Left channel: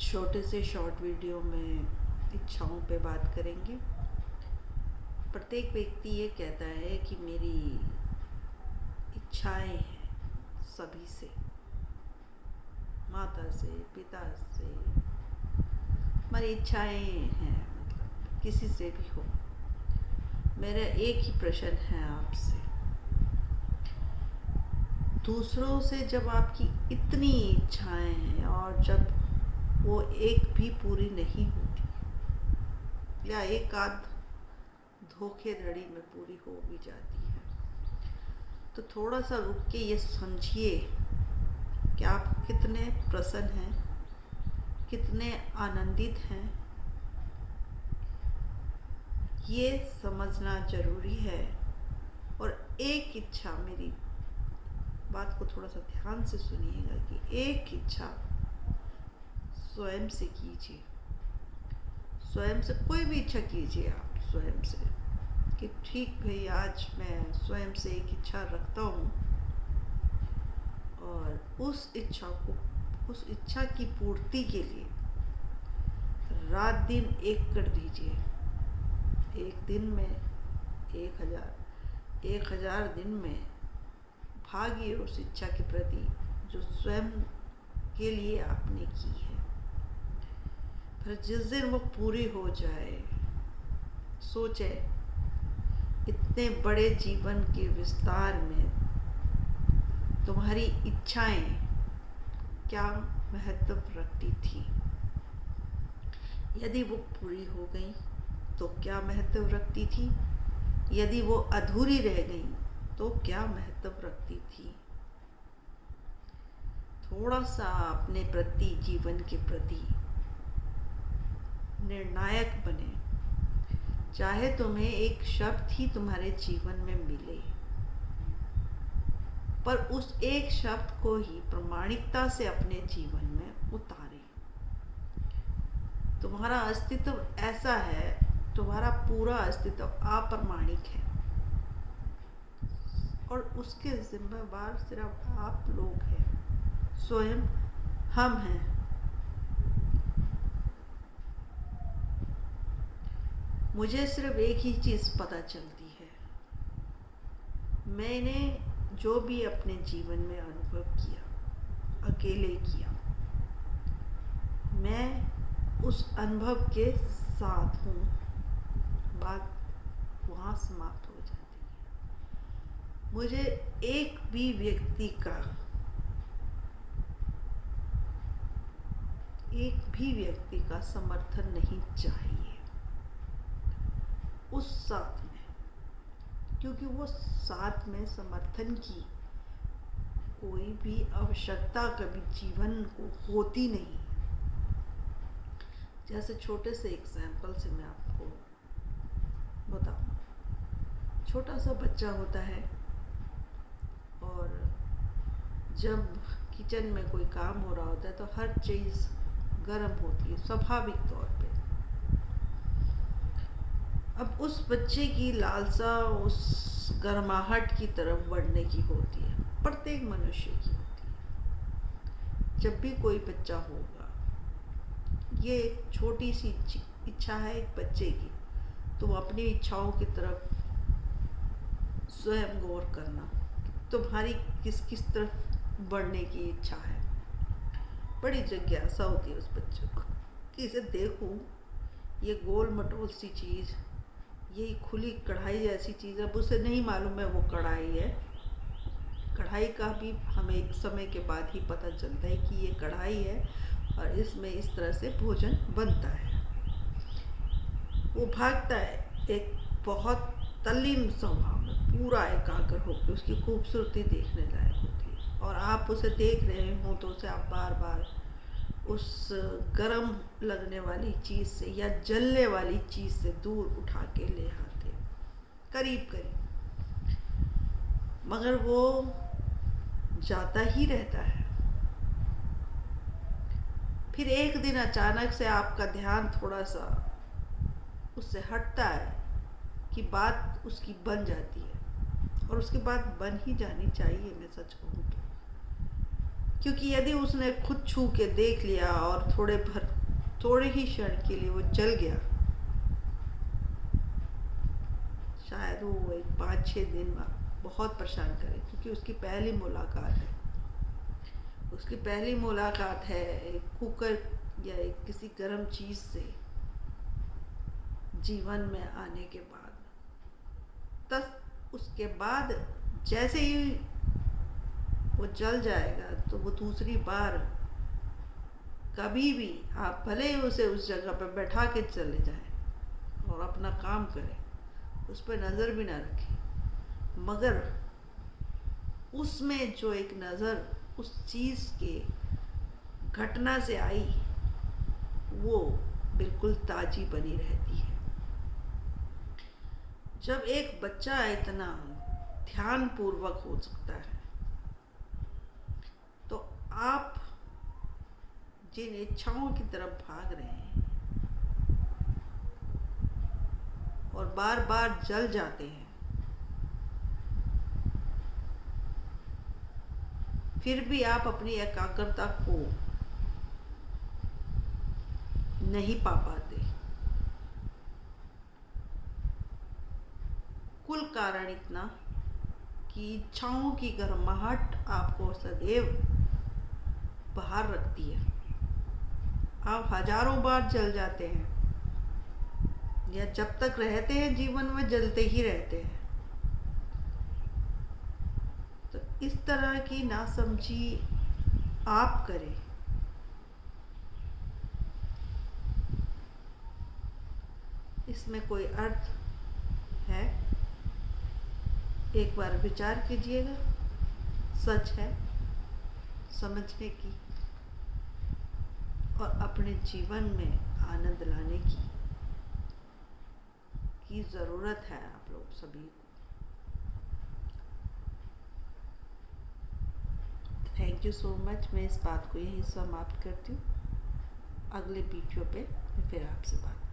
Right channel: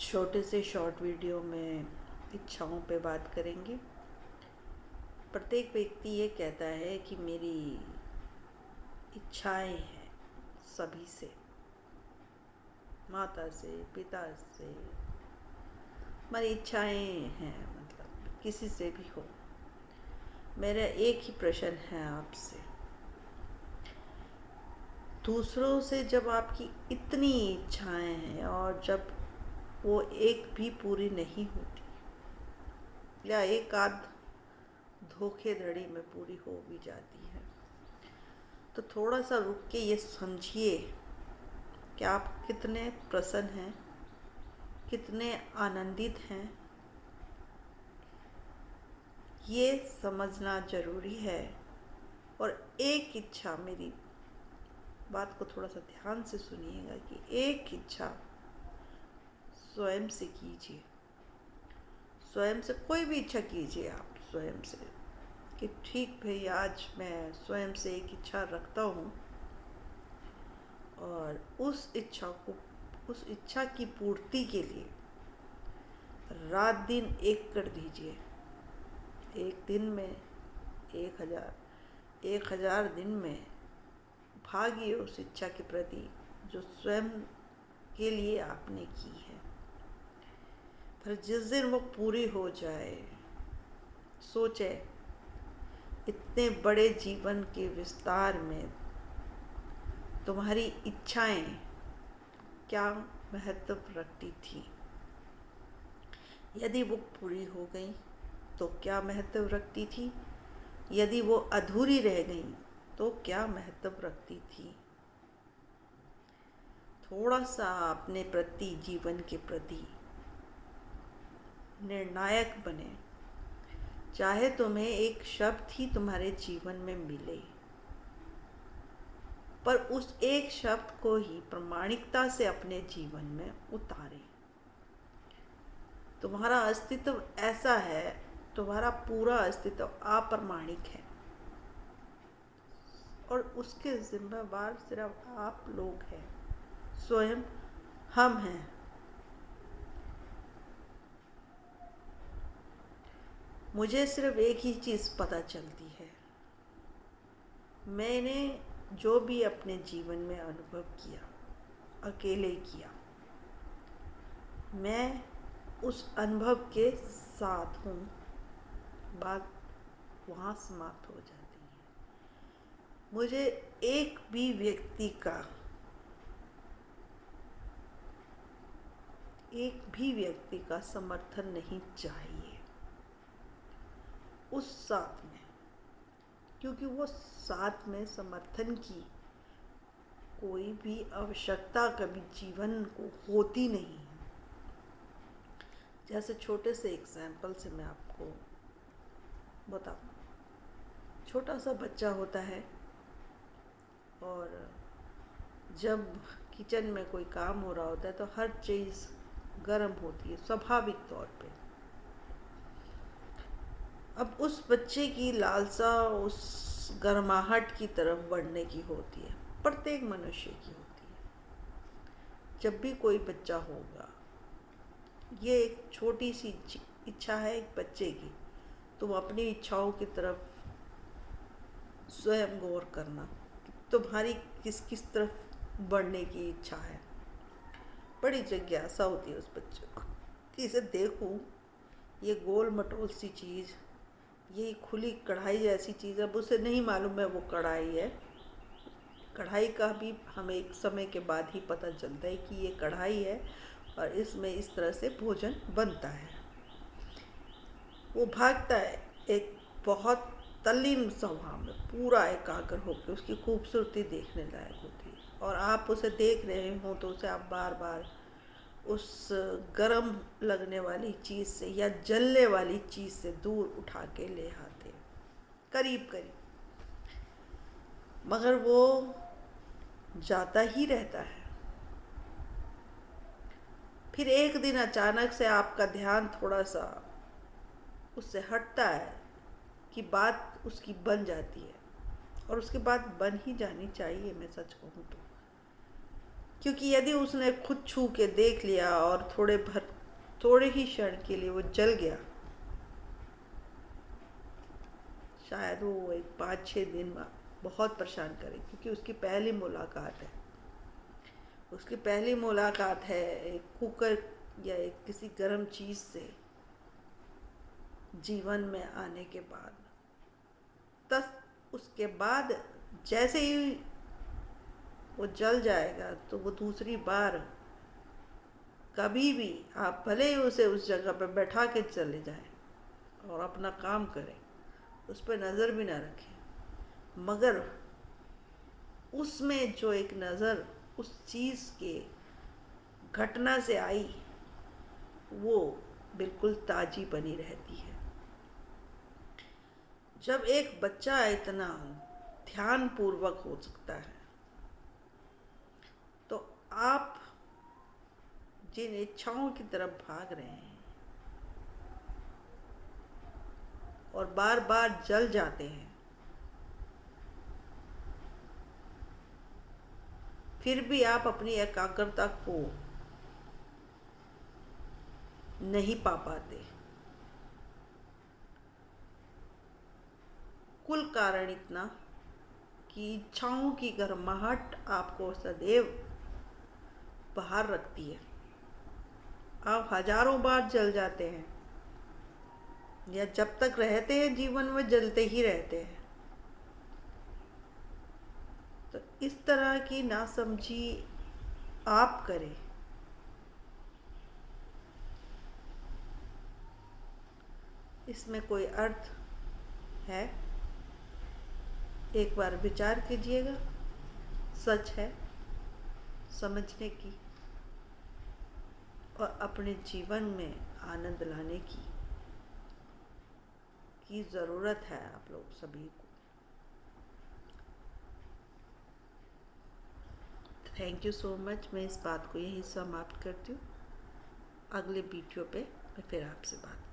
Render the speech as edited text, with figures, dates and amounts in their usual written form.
छोटे से short video में इच्छाओं पे बात करेंगे। प्रत्येक व्यक्ति ये कहता है कि मेरी इच्छाएं हैं सभी से, माता से, पिता से, हमारी इच्छाएं हैं, मतलब किसी से भी हो। मेरा एक ही प्रश्न है आपसे, दूसरों से जब आपकी इतनी इच्छाएं हैं और जब वो एक भी पूरी नहीं होती या एक आध धोखेधड़ी में पूरी हो भी जाती है, तो थोड़ा सा रुक के ये समझिए कि आप कितने प्रसन्न हैं, कितने आनंदित हैं। ये समझना जरूरी है। और एक इच्छा, मेरी बात को थोड़ा सा ध्यान से सुनिएगा कि एक इच्छा स्वयं से कीजिए। स्वयं से कोई भी इच्छा कीजिए आप स्वयं से कि ठीक भाई, आज मैं स्वयं से एक इच्छा रखता हूँ और उस इच्छा की पूर्ति के लिए रात दिन एक कर दीजिए। एक दिन में 1000 दिन में भागिए उस इच्छा के प्रति जो स्वयं के लिए आपने की है। फिर जिस दिन वो पूरी हो जाए, सोचे इतने बड़े जीवन के विस्तार में तुम्हारी इच्छाएं क्या महत्व रखती थी। यदि वो पूरी हो गई तो क्या महत्व रखती थी, यदि वो अधूरी रह गई तो क्या महत्व रखती थी। थोड़ा सा अपने प्रति, जीवन के प्रति निर्णायक बने। चाहे तुम्हें एक शब्द ही तुम्हारे जीवन में मिले, पर उस एक शब्द को ही प्रामाणिकता से अपने जीवन में उतारे। तुम्हारा अस्तित्व ऐसा है, तुम्हारा पूरा अस्तित्व अप्रामाणिक है और उसके जिम्मेवार सिर्फ आप लोग हैं, स्वयं हम हैं। मुझे सिर्फ एक ही चीज़ पता चलती है, मैंने जो भी अपने जीवन में अनुभव किया, अकेले किया, मैं उस अनुभव के साथ हूँ। बात वहाँ समाप्त हो जाती है। मुझे एक भी व्यक्ति का समर्थन नहीं चाहिए उस साथ में, क्योंकि वो साथ में समर्थन की कोई भी आवश्यकता कभी जीवन को होती नहीं है। जैसे छोटे से एग्जाम्पल से मैं आपको बताऊं, छोटा सा बच्चा होता है और जब किचन में कोई काम हो रहा होता है तो हर चीज़ गर्म होती है स्वाभाविक तौर पे। अब उस बच्चे की लालसा उस गर्माहट की तरफ बढ़ने की होती है, प्रत्येक मनुष्य की होती है। जब भी कोई बच्चा होगा, ये एक छोटी सी इच्छा है एक बच्चे की, तुम अपनी इच्छाओं की तरफ स्वयं गौर करना, तुम्हारी किस किस तरफ बढ़ने की इच्छा है। बड़ी जिज्ञासा होती है उस बच्चे को कि इसे देखूं, ये गोल मटोल सी चीज़, ये खुली कढ़ाई जैसी चीज़। अब उसे नहीं मालूम है वो कढ़ाई है। कढ़ाई का भी हमें एक समय के बाद ही पता चलता है कि ये कढ़ाई है और इसमें इस तरह से भोजन बनता है। वो भागता है एक बहुत तल्लीन स्वभाव में, पूरा एकाग्र होकर उसकी खूबसूरती देखने लायक होती है। और आप उसे देख रहे हो तो उसे आप बार बार उस गर्म लगने वाली चीज़ से या जलने वाली चीज़ से दूर उठा के ले आते, करीब करीब, मगर वो जाता ही रहता है। फिर एक दिन अचानक से आपका ध्यान थोड़ा सा उससे हटता है कि बात उसकी बन जाती है, और उसके बाद बन ही जानी चाहिए। मैं सच कहूँ क्योंकि यदि उसने खुद छू के देख लिया और थोड़े ही क्षण के लिए वो जल गया, शायद वो एक 5-6 दिन बहुत परेशान करे, क्योंकि उसकी पहली मुलाकात है। उसकी पहली मुलाकात है एक कुकर या एक किसी गर्म चीज़ से जीवन में आने के बाद। तब उसके बाद जैसे ही वो जल जाएगा तो वो दूसरी बार कभी भी, आप भले ही उसे उस जगह पर बैठा के चले जाएं और अपना काम करें, उस पर नज़र भी ना रखें, मगर उसमें जो एक नज़र उस चीज़ के घटना से आई, वो बिल्कुल ताज़ी बनी रहती है। जब एक बच्चा इतना ध्यान पूर्वक हो सकता है, तो आप जिन इच्छाओं की तरफ भाग रहे हैं और बार बार जल जाते हैं, फिर भी आप अपनी एकाग्रता को नहीं पा पाते, कुल कारण इतना कि इच्छाओं की गर्माहट आपको सदैव बाहर रखती है। आप हजारों बार जल जाते हैं, या जब तक रहते हैं जीवन में जलते ही रहते हैं। तो इस तरह की नासमझी आप करें, इसमें कोई अर्थ है? एक बार विचार कीजिएगा। सच है समझने की और अपने जीवन में आनंद लाने की ज़रूरत है आप लोग सभी को। Thank you so much. मैं इस बात को यहीं समाप्त करती हूँ। अगले वीडियो पे मैं फिर आपसे बात